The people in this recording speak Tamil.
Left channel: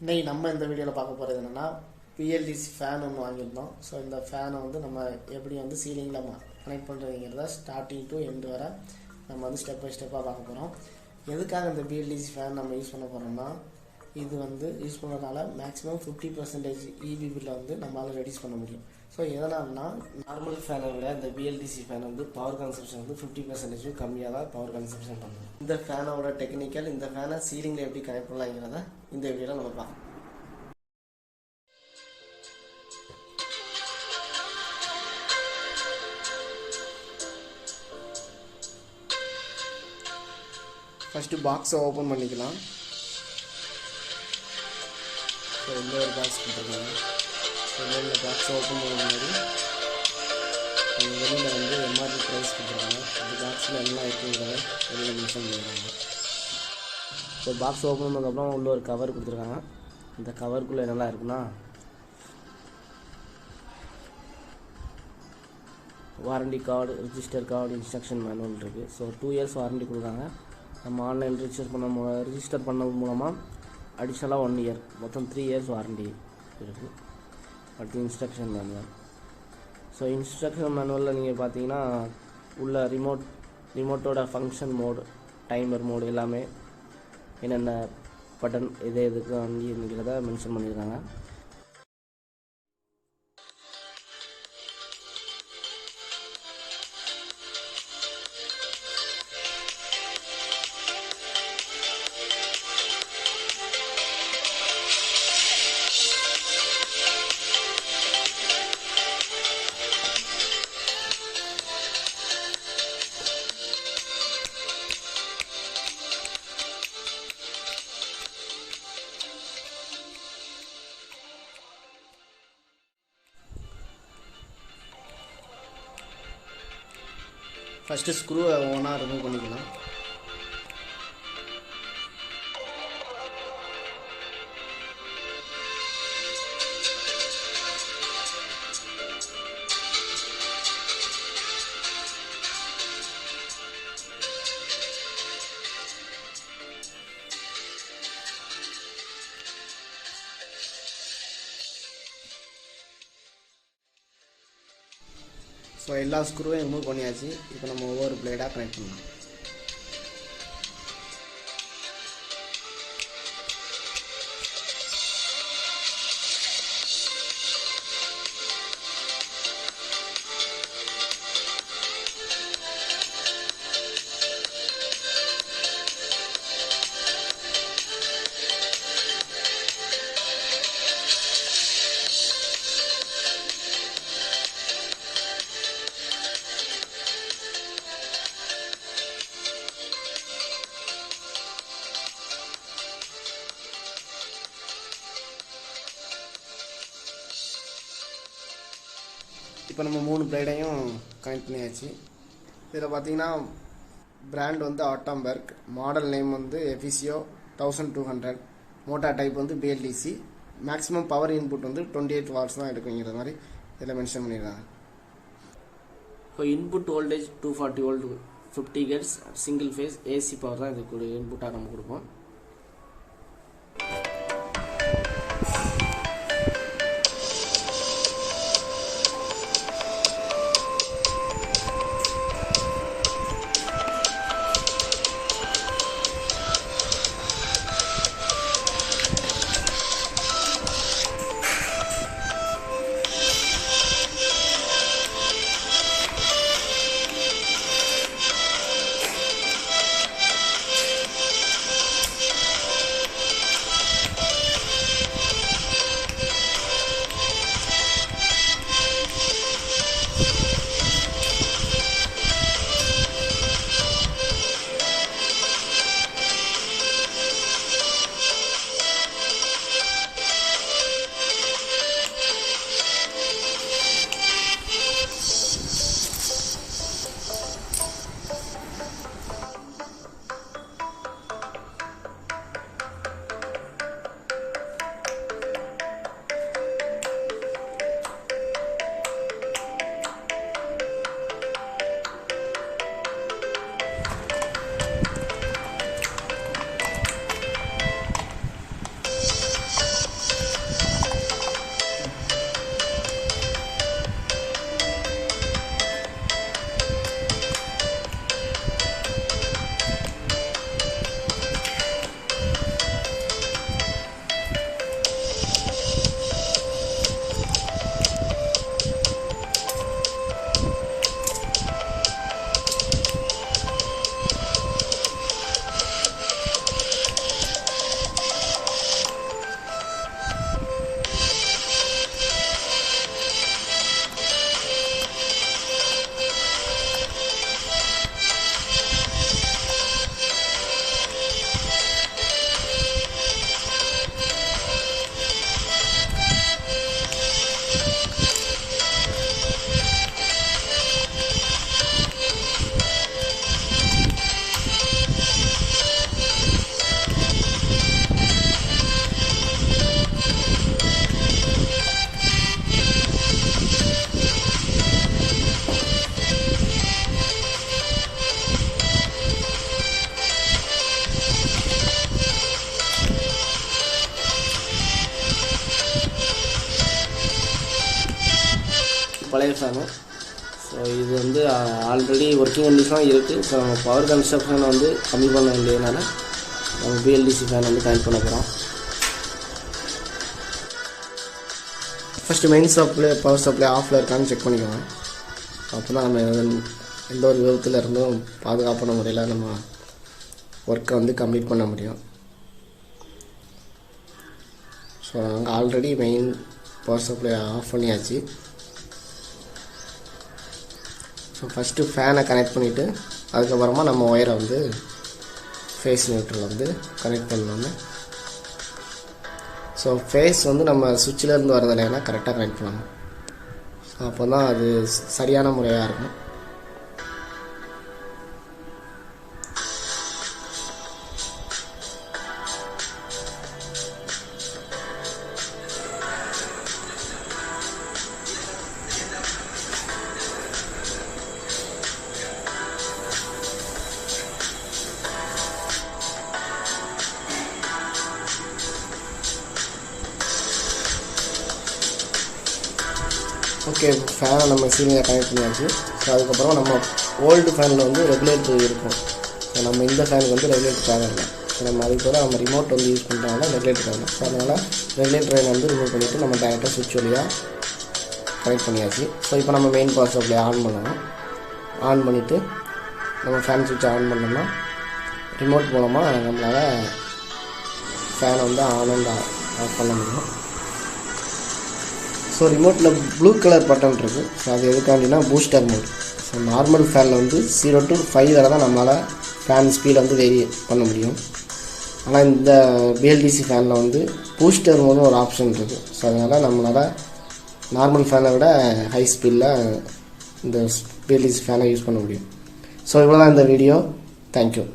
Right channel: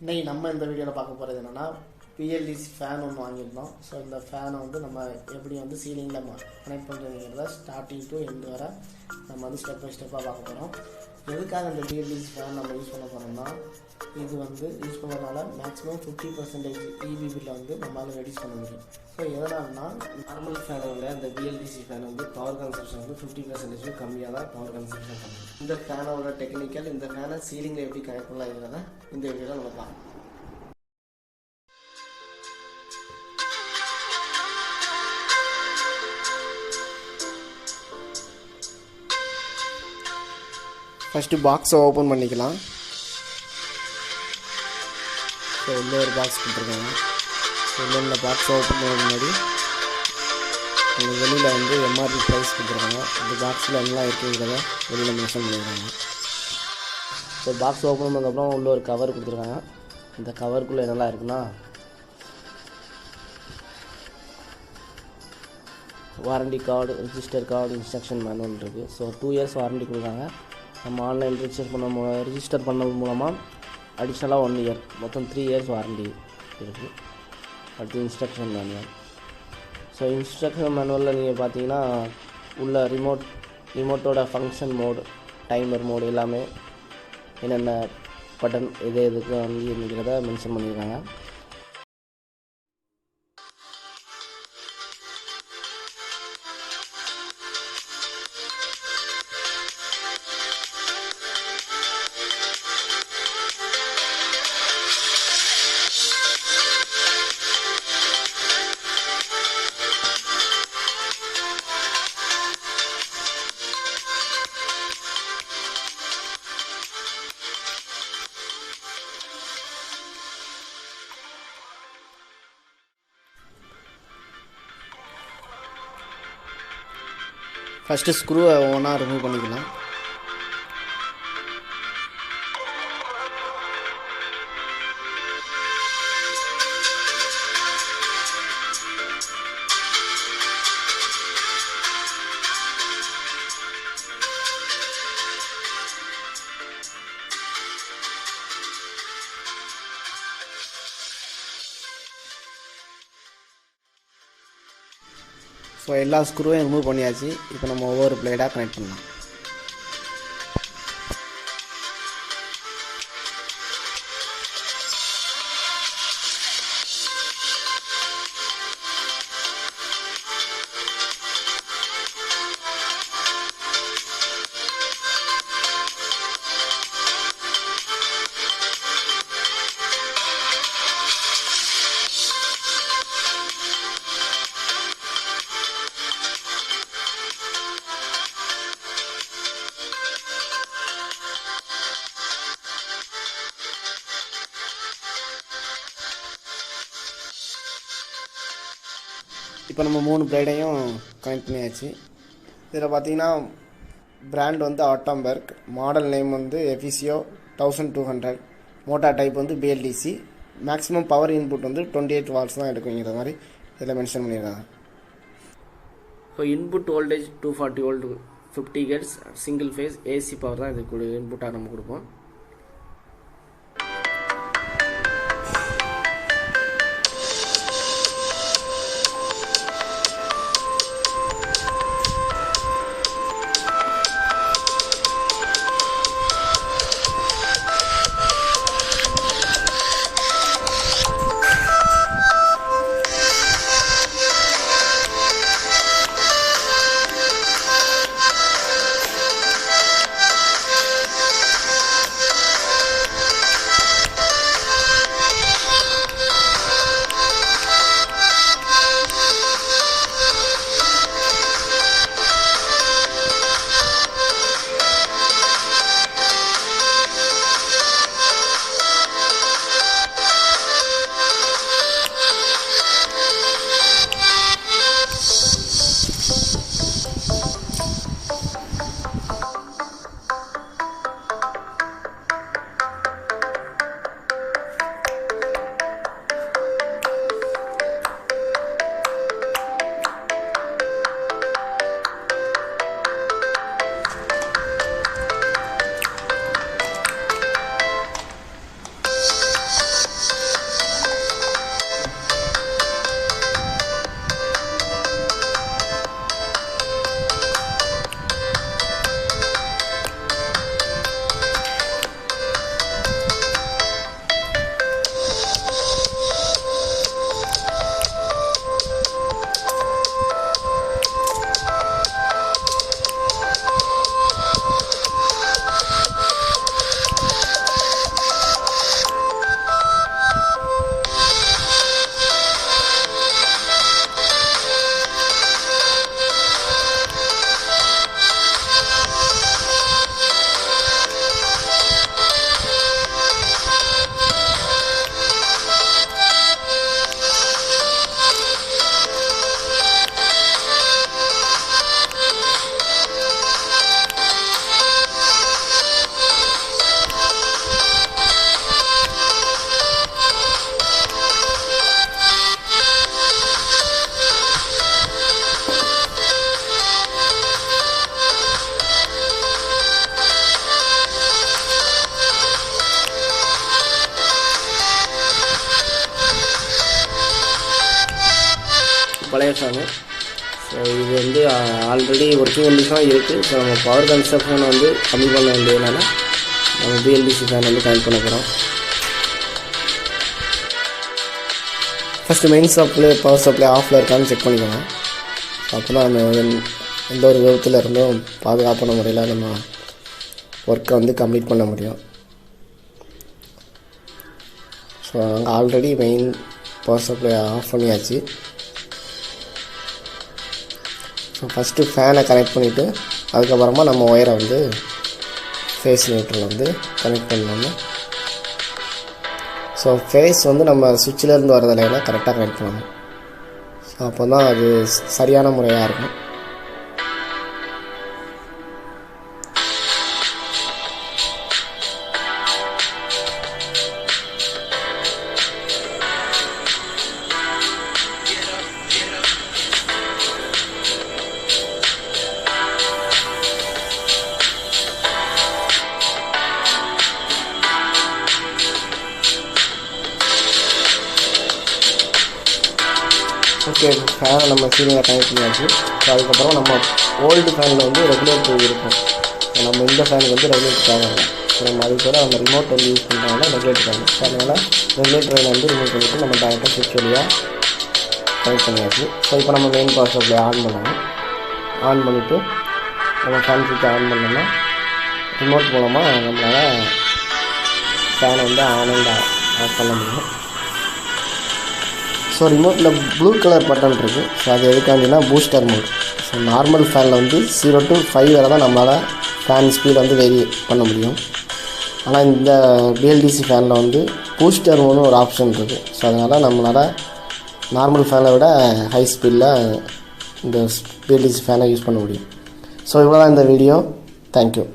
இன்றைக்கி நம்ம இந்த வீடியோவில் பார்க்க போகிறது என்னென்னா பிஎல்டிசி ஃபேன் ஒன்று வாங்கியிருந்தோம். ஸோ இந்த ஃபேனை வந்து நம்ம எப்படி வந்து சீலிங்கில் கனெக்ட் பண்ணுறதுங்கிறத ஸ்டார்டிங் டு எண்டு வர நம்ம வந்து ஸ்டெப் பை ஸ்டெப்பாக பார்க்க போகிறோம். எதுக்காக இந்த பிஎல்டிசி ஃபேன் நம்ம யூஸ் பண்ண போகிறோம்னா, இது வந்து யூஸ் பண்ணுறதுனால மேக்ஸிமம் 50% இபி பில்லை வந்து நம்மளால் ரெடியூஸ் பண்ண முடியும். ஸோ எதனால்னா, நார்மல் ஃபேனை விட இந்த பிஎல்டிசி ஃபேன் வந்து பவர் கன்சப்ஷன் வந்து 50% கம்மியாக தான் பவர் கன்சப்ஷன் பண்ணும். இந்த ஃபேனோட டெக்னிக்கல், இந்த ஃபேனை சீலிங்கில் எப்படி கனெக்ட் பண்ணலாங்கிறத இந்த வீடியோவில் நம்ம பார்க்கலாம். ஃபஸ்ட்டு பாக்ஸை ஓப்பன் பண்ணிக்கலாம். ஸோ உள்ள ஒரு பாக்ஸ் கொடுத்துருக்காங்க. ஸோ இந்த பாக்ஸை ஓப்பன் பண்ண முன்னாடி வெளியில் வந்து எம்ஆர்பி ப்ரைஸ் கொடுத்துருக்காங்க. இந்த பாக்ஸில் எல்லாம் இருக்குங்கிறத வெளியில் மென்ஷன் பண்ணியிருக்காங்க. ஸோ பாக்ஸ் ஓப்பன் பண்ணதுக்கப்புறம் உள்ள ஒரு கவர் கொடுத்துருக்காங்க. இந்த கவருக்குள்ளே என்னெல்லாம் இருக்குன்னா, warranty card, register card, instruction manual இருக்குது. ஸோ 2 இயர்ஸ் வாரண்டி கொடுக்குறாங்க. நம்ம ஆன்லைன் ரிஜிஸ்டர் பண்ண மூலமாக அடிஷ்னலாக 1 இயர், மொத்தம் 3 இயர்ஸ் வாரண்டி இருக்குது. அடுத்து இன்ஸ்ட்ரக்ஷன் மேனுவல். ஸோ இன்ஸ்ட்ரக்ஷன் மேனுவலில் நீங்கள் பார்த்தீங்கன்னா உள்ள ரிமோட்டோட ஃபங்க்ஷன் மோடு, டைமர் மோடு எல்லாமே என்னென்ன பட்டன் எதுக்கு வந்துங்கிறத மென்ஷன் பண்ணியிருக்காங்க. ஃபஸ்ட்டு ஸ்க்ரூவை ஒன்றா ரிமூவ் பண்ணிக்கலாம். ஸோ எல்லா ஸ்க்ரூவையும் ரிமூவ் பண்ணியாச்சு. இப்போ நம்ம ஒவ்வொரு பிளேடாக கனெக்ட் பண்ணலாம். இப்போ நம்ம 3 பிளேடையும் கனெக்ட் பண்ணியாச்சு. இதில் பார்த்தீங்கன்னா பிராண்ட் வந்து ஆட்டம்பர்க், மாடல் நேம் வந்து எஃபிசியோ 1200, மோட்டார் டைப் வந்து பிஎல்டிசி, மேக்ஸிமம் பவர் இன்புட் வந்து 28 வாட்ஸ் தான் எடுக்குங்கிற மாதிரி இதில் மென்ஷன் பண்ணியிருக்காங்க. இப்போ input voltage 240 volt 50 hertz single phase AC power தான் இதுக்கு இன்புட்டாக நம்ம கொடுப்போம். பழைய ஃபேனு. ஸோ இது வந்து ஆல்ரெடி ஒர்க்கிங் கண்டிஷனாக இருக்குது. ஸோ நம்ம பவர் கன்ஸ்ட்ரக்ஷனை வந்து கம்மி பண்ண வேண்டியதுனால நம்ம BLDC ஃபேன் வந்து கனெக்ட் பண்ண போகிறோம். ஃபஸ்ட்டு மெயின் பவர் சப்ளை ஆஃபில் இருக்கான்னு செக் பண்ணிக்கோங்க. அப்போ தான் நம்ம எந்த ஒரு விபத்தில் இருந்தும் பாதுகாப்பான முறையில் நம்ம ஒர்க்கை வந்து கம்ப்ளீட் பண்ண முடியும். ஸோ நாங்கள் already main power supply off பண்ணியாச்சு. ஸோ ஃபஸ்ட்டு ஃபேனை கனெக்ட் பண்ணிவிட்டு அதுக்கப்புறமா நம்ம ஒயரை வந்து ஃபேஸ் நியூட்ரல் வந்து கனெக்ட் பண்ணணும். ஸோ ஃபேஸ் வந்து நம்ம சுவிட்சிலேருந்து வரதில்லைன்னா கரெக்டாக கனெக்ட் பண்ணணும். ஸோ அப்போ தான் அது சரியான முறையாக இருக்கும். ஓகே, ஃபேனை நம்ம சீலிங்கில் கனெக்ட் பண்ணியாச்சு. ஸோ அதுக்கப்புறம் நம்ம ஓல்டு ஃபேனில் வந்து ரெகுலேட்டர் இருக்கும். ஸோ நம்ம இந்த ஃபேனுக்கு வந்து ரெகுலேட்டர் தேவையில்லை. ஸோ நம்ம அதுக்கு கூட நம்ம ரிமோட் வந்து யூஸ் பண்ணுறதுனால ரெகுலேட்டர் வேணும். ஸோ அதனால் ரெகுலேட்டரை வந்து ரிமூவ் பண்ணிவிட்டு நம்ம டேரெக்டாக ஸ்விட்ச் வழியாக கனெக்ட் பண்ணியாச்சு. ஸோ இப்போ நம்ம மெயின் பவர் சப்ளை ஆன் பண்ணணும். ஆன் பண்ணிவிட்டு நம்ம ஃபேன் ஸ்விட்ச் ஆன் பண்ணோம்னா ரிமோட் மூலமாக நம்மளால் ஃபேனை வந்து ஆன் அண்ட் ஆஃப் பண்ண முடியும். ஸோ ரிமோட்டில் ப்ளூ கலர் பட்டன் இருக்குது. ஸோ அது எதுக்காண்டினா பூஸ்டர் மோட். ஸோ நார்மல் ஃபேனில் வந்து 0 to 5 வரை தான் நம்மளால் ஃபேன் ஸ்பீடை வந்து வேரி பண்ண முடியும். ஆனால் இந்த BLDC ஃபேனில் வந்து பூஸ்டர் மோட்னு ஒரு ஆப்ஷன் இருக்குது. ஸோ அதனால் நம்மளால் நார்மல் ஃபேனை விட ஹை ஸ்பீடில் இந்த BLDC ஃபேனை யூஸ் பண்ண முடியும். ஸோ இவ்வளோ தான் இந்த வீடியோ. தேங்க்யூ.